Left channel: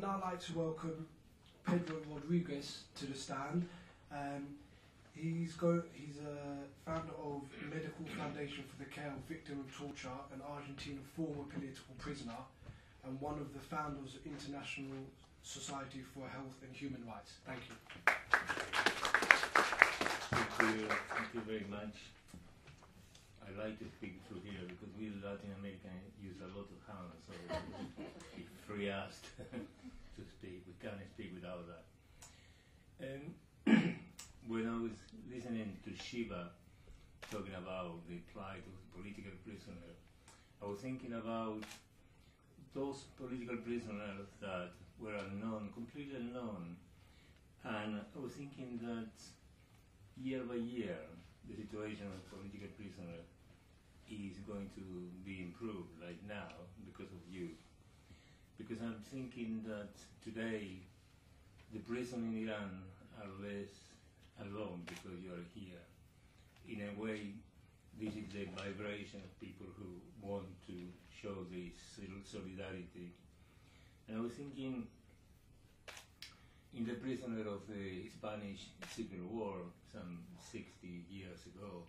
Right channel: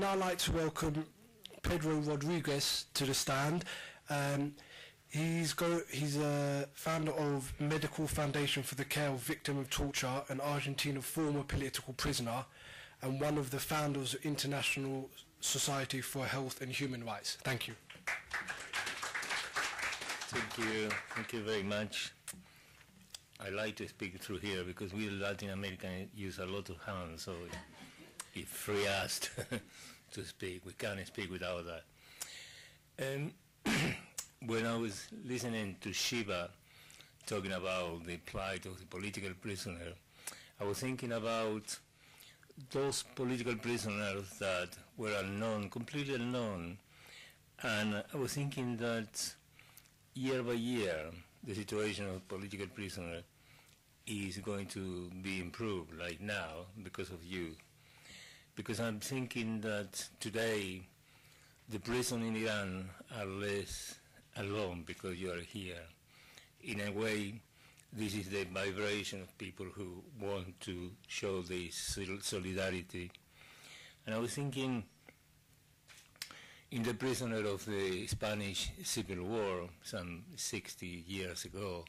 Now I'd like to welcome Pietro Rodriguez to the stand. He's a founder of Medical Foundation for the Care of Victims of Torture, an Argentinian former political prisoner, and one of the founders of International Society for Health and Human Rights. Thank you. Thank you very much. I like to speak through here because we Latin Americans use a lot of hands, so it frees us to speak. We can't speak without that. When I was listening to Shiva talking about the plight of the political prisoner, I was thinking about those political prisoners that were unknown, completely unknown, and I was thinking that year by year the situation of political prisoners is going to be improved, like now, because of you. Because I'm thinking that today the prisoners in Iran are less alone because you are here. In a way, this is the vibration of people who want to show this solidarity. And I was thinking in the prisoner of the Spanish Civil War some 60 years ago,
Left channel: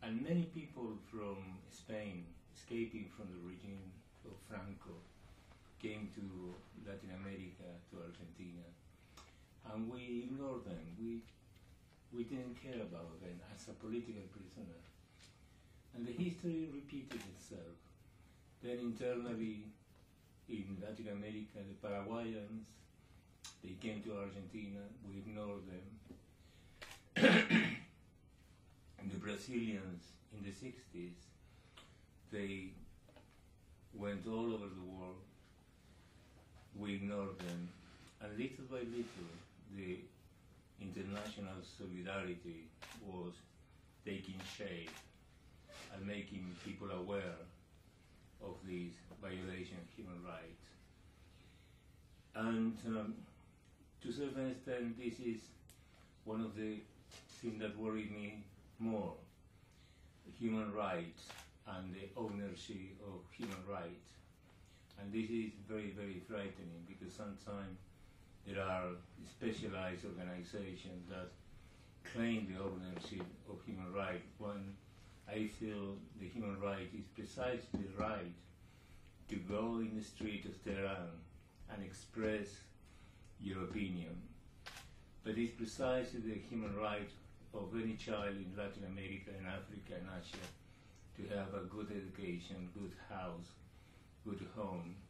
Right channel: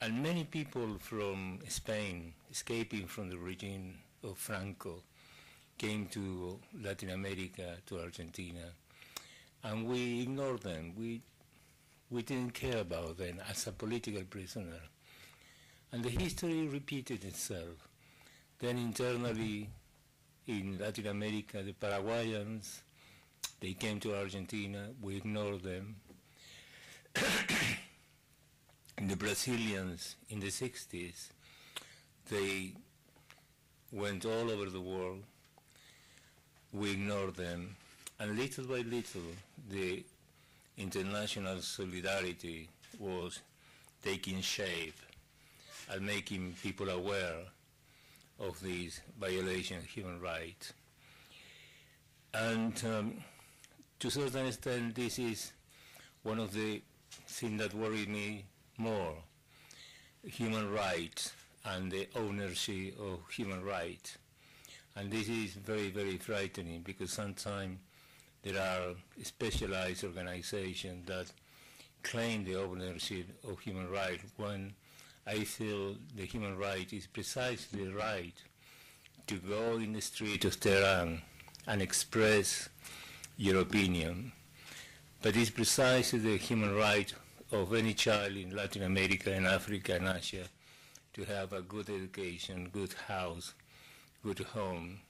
and many people from Spain escaping from the regime of Franco came to Latin America, to Argentina, and we ignored them. We didn't care about them as a political prisoner. And the history repeated itself. Then internally in Latin America, the Paraguayans, they came to Argentina, we ignored them. And the Brazilians in the 60s, they went all over the world, we ignored them, and little by little the international solidarity was taking shape and making people aware of this violation of human rights. And to a certain extent, this is one of the things that worry me more, human rights and the ownership of human rights. And this is very, very frightening because sometimes there are specialized organizations that claim the ownership of human rights when I feel the human right is precisely the right to go in the street of Tehran and express your opinion. But it's precisely the human right of any child in Latin America and Africa and Asia to have a good education, good house, good home.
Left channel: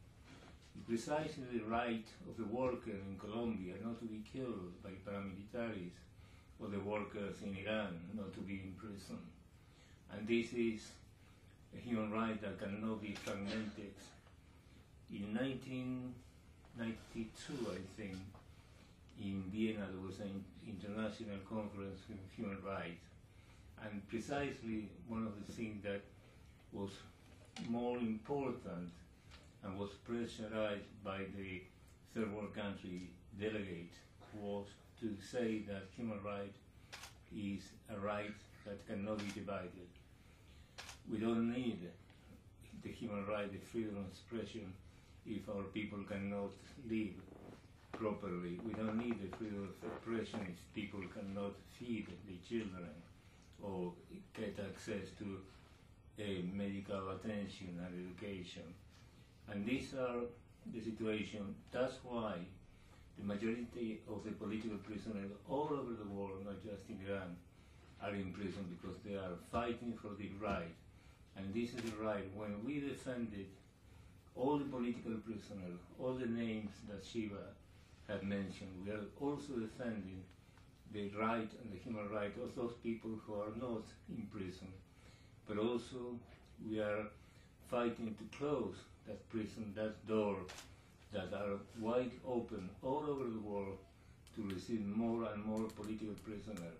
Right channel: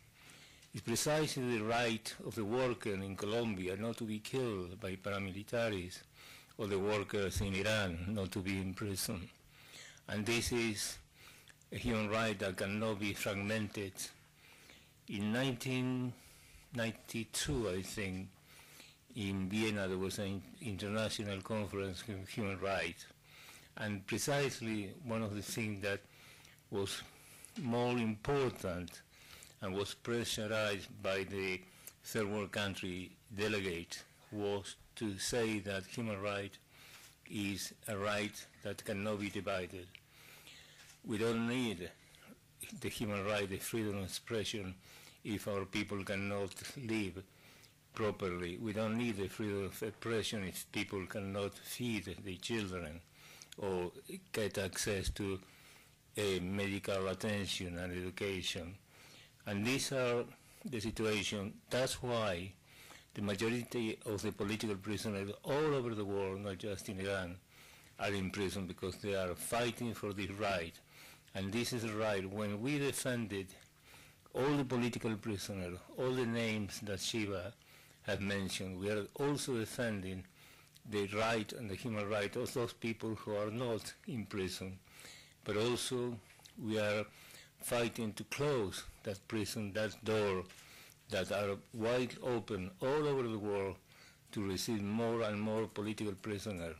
It's precisely the right of the worker in Colombia not to be killed by paramilitaries, or the workers in Iran not to be imprisoned. And this is a human right that cannot be fragmented. In 1992, I think, in Vienna there was an international conference on human rights. And precisely one of the things that was more important and was pressurized by the third world country delegate was to say that human right is a right that cannot be divided. We don't need the human right, the freedom of expression, if our people cannot live properly. We don't need the freedom of expression if people cannot feed their children or get access to medical attention and education. And these are the situation. That's why the majority of the political prisoners all over the world, not just in Iran, are in prison because they are fighting for this right. And this is the right. When we defended all the political prisoners, all the names that Shiva have mentioned, we are also defending the right and the human right of those people who are not in prison. But also we are fighting to close that prison, that door that are wide open all over the world to receive more and more political prisoners.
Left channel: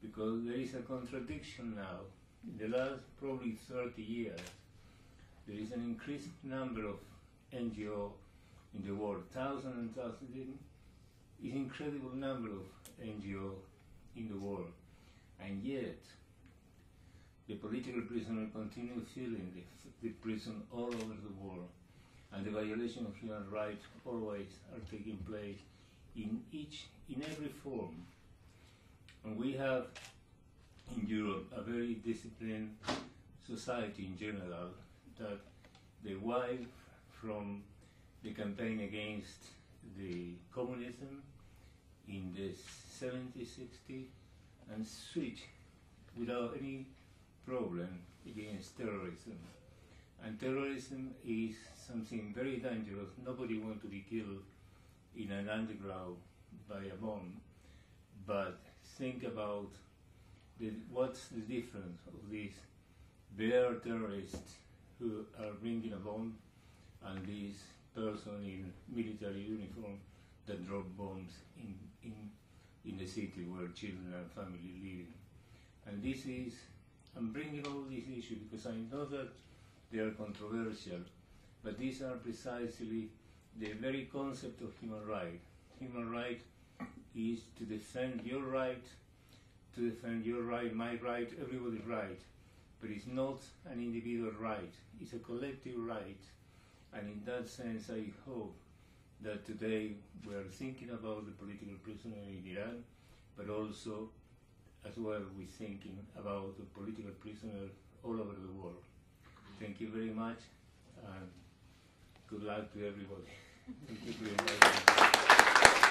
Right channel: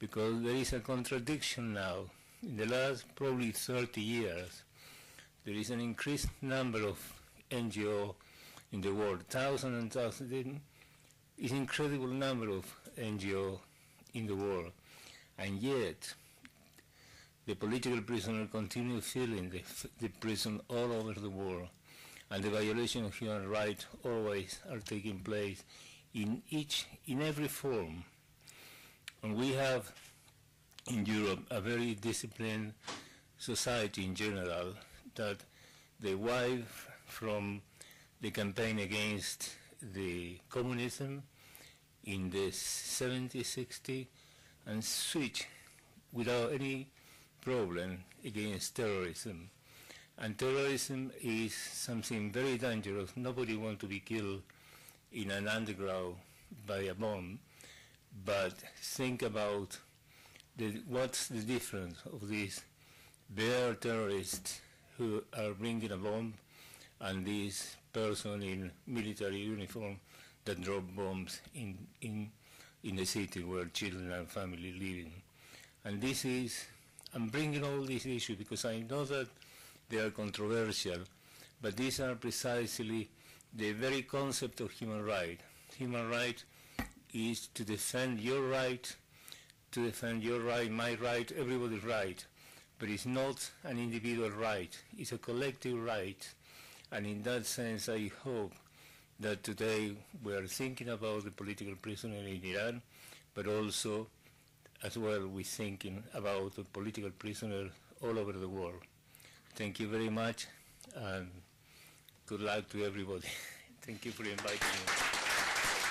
Because there is a contradiction now. In the last probably 30 years, there is an increased number of NGO in the world, thousands and thousands. It's an incredible number of NGO in the world. And yet, the political prisoners continue filling the prison all over the world. and the violation of human rights always are taking place in every form. And we have in Europe a very disciplined society in general, that they wive from the campaign against the communism in the 70s, 60s, and switch without any problem against terrorism. And terrorism is something very dangerous. Nobody wants to be killed in an underground by a bomb, but think about what's the difference of these bare terrorists who are bringing a bomb and this person in military uniform that drop bombs in the city where children and family living. And this is, I'm bringing all these issues because I know that they are controversial, but these are precisely the very concept of human right. Human right is to defend your right, my right, everybody's right, but it's not an individual right, it's a collective right. And in that sense, I hope that today we are thinking about the political prisoner in Iran, but also, as well, we're thinking about the political prisoners all over the world. Thank you very much, and good luck to everybody. Thank you for inviting me.